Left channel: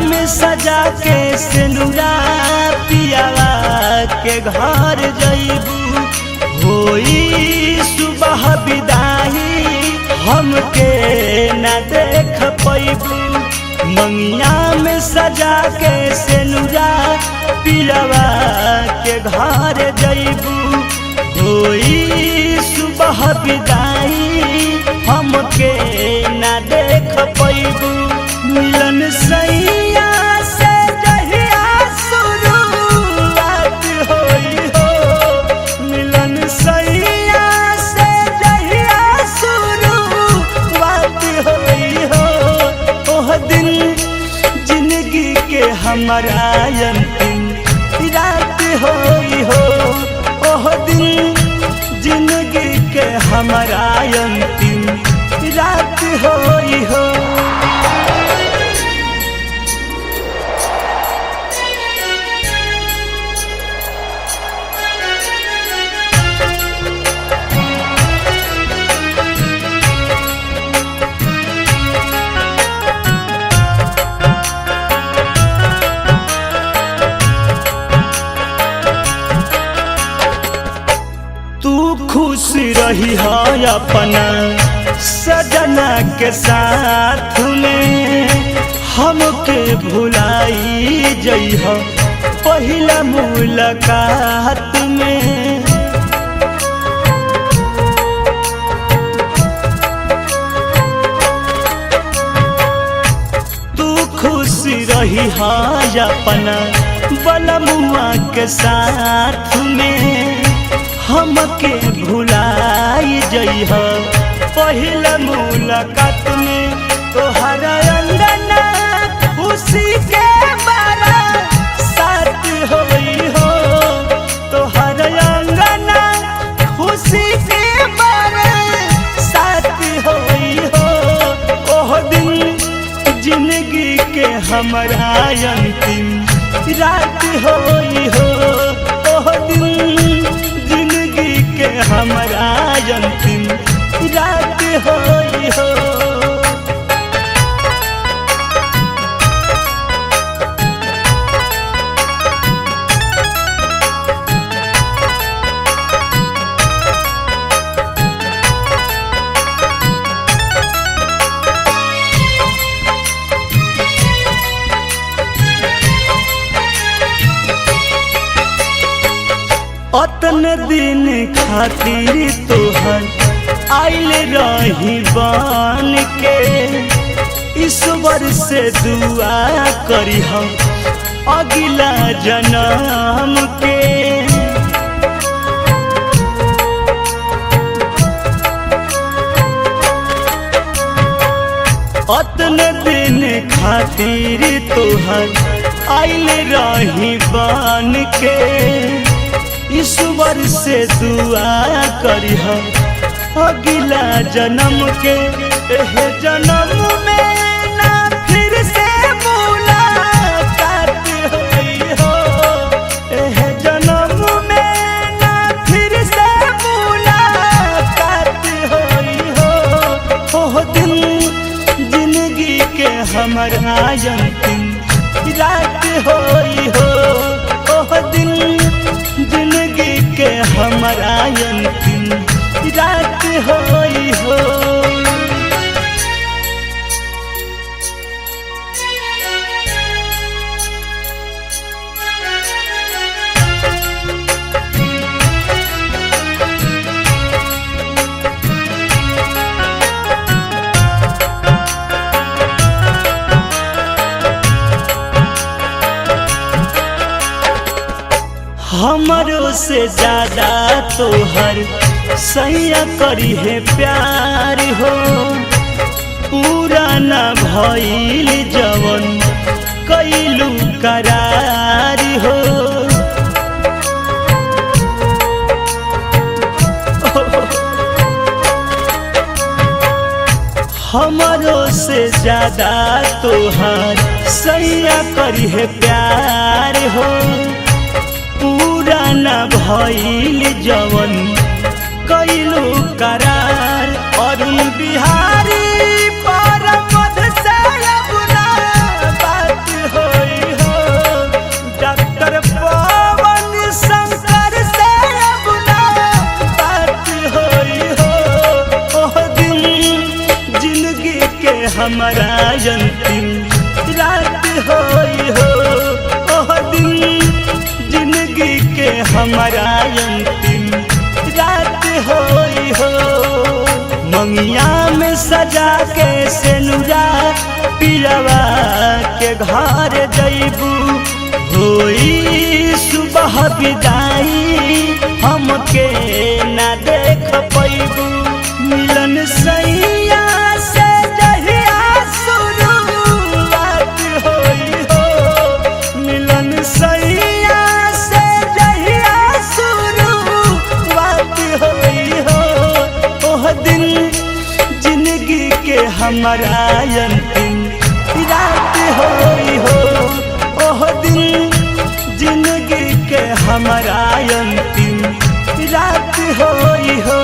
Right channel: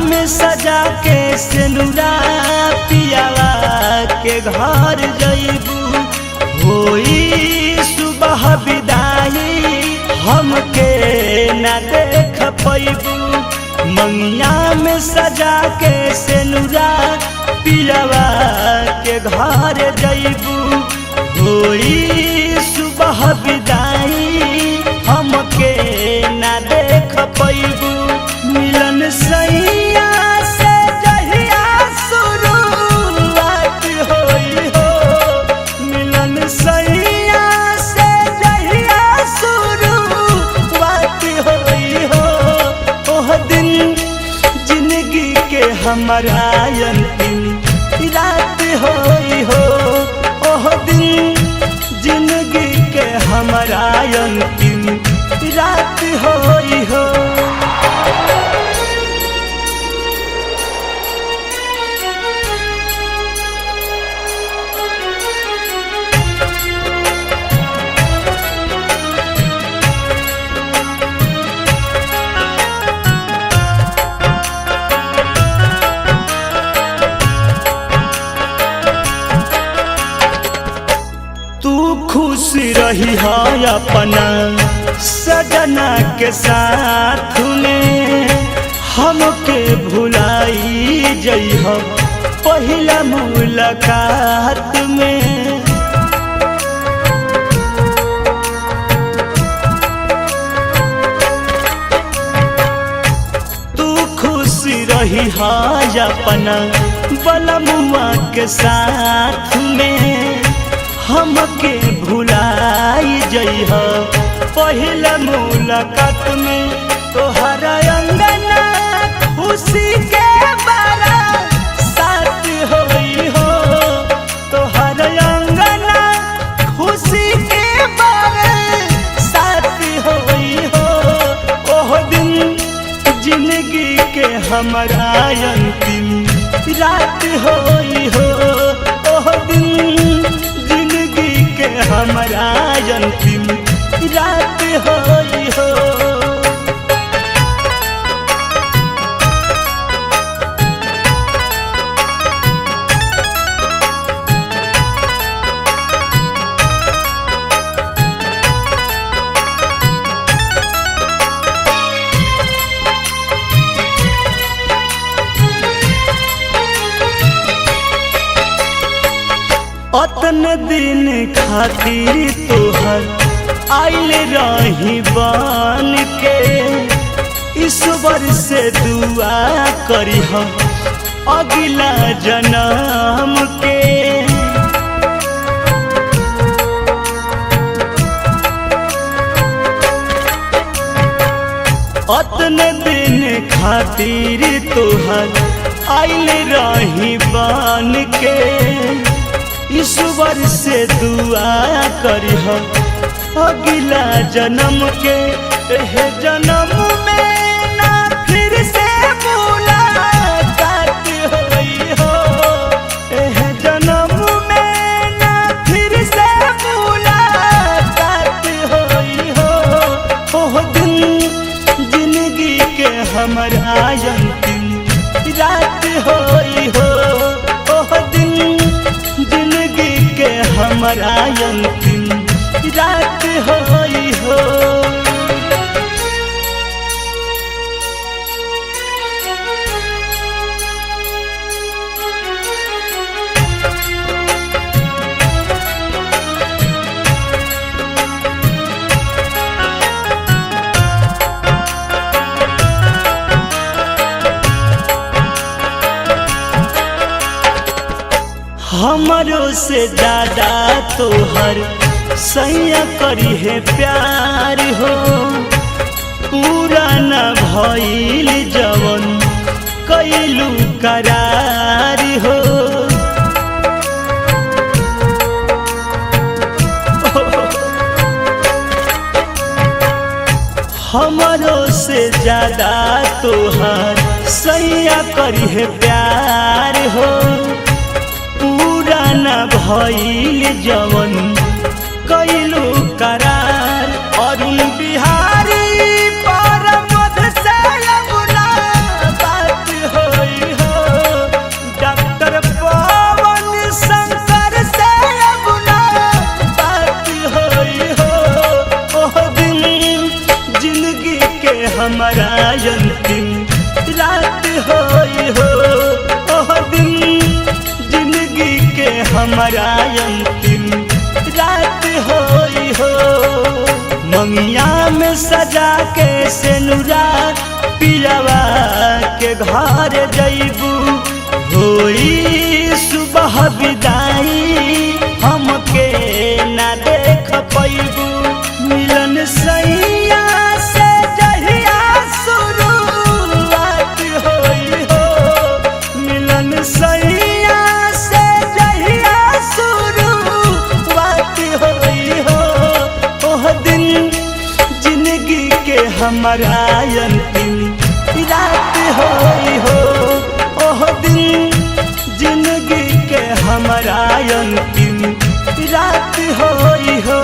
में सजा के सिनुरा पियावा के घर जइबू होई सुबह विदाई हमके न देख पैबू मंगिया में सजा के सिनुरा पियावा के घर जइबू होई सुबह विदाई हमके न देख पैबू मिलन सैया से जहिया शुरुआत होई हो मिलन सैया से जहिया शुरुआत होई हो ओह दिन जिंदगी के हमारा अंतिम रात होई हो ओह दिन जिंदगी के हमारा अंतिम रात होई हो। तू खुश रही है अपना सजना के साथ में हमके भुलाई जइह पहिला मुलाकात में तू खुश रही है अपना बलमुआ के साथ में हमके भुलाई जइह पहिला मुलाकात में तोहरा अंगना खुशी के बारा साथ होई हो तोहरा अंगना खुशी के बारा साथ होई हो ओह दिन जिंदगी के हमारा अंतिम रात होई हो ओह दिन जिंदगी के हमारा अंतिम रात होई हो। अतन दिन खातिर तोहर आइल रही बन के ईश्वर से दुआ करिह अगला जन्म के अतन दिन खातिर तोहर आइल रही बन के ईश्वर से दुआ करिह अगला जन्म के एह जन्म में ना फिर से मुलाकात होई हो एह जन्म में ना फिर से मुलाकात होई हो ओह दिन जिंदगी के हमारा अंतिम रात होई हो ओह दिन जिंदगी के हमारा अंतिम रात होई हो। हमरों से ज्यादा तोहर सैया करी है प्यार हो पूरा न भइल जवन कैलू करार हो हमरों से ज्यादा तोहर सैया करी है प्यार हो पूरा न भइल जवन कैलू करार अरुण बिहारी पर मध से गुना बात के हमारा अंतिम रात होई हो। ओह दिन जिंदगी के हमारा अंतिम रात होई हो। मंगिया में सजा के सेनुरा पियावा के घर जइबू, होई सुबह विदाई हमके ना देख पैबू। मिलन सैया से जहिया शुरुआत होई हो, मिलन सैया से जहिया शुरुआत होई हो। ओह दिन जिंदगी के हमारा अंतिम रात होई हो। ओह दिन जिंदगी के हमारा अंतिम रात होई हो।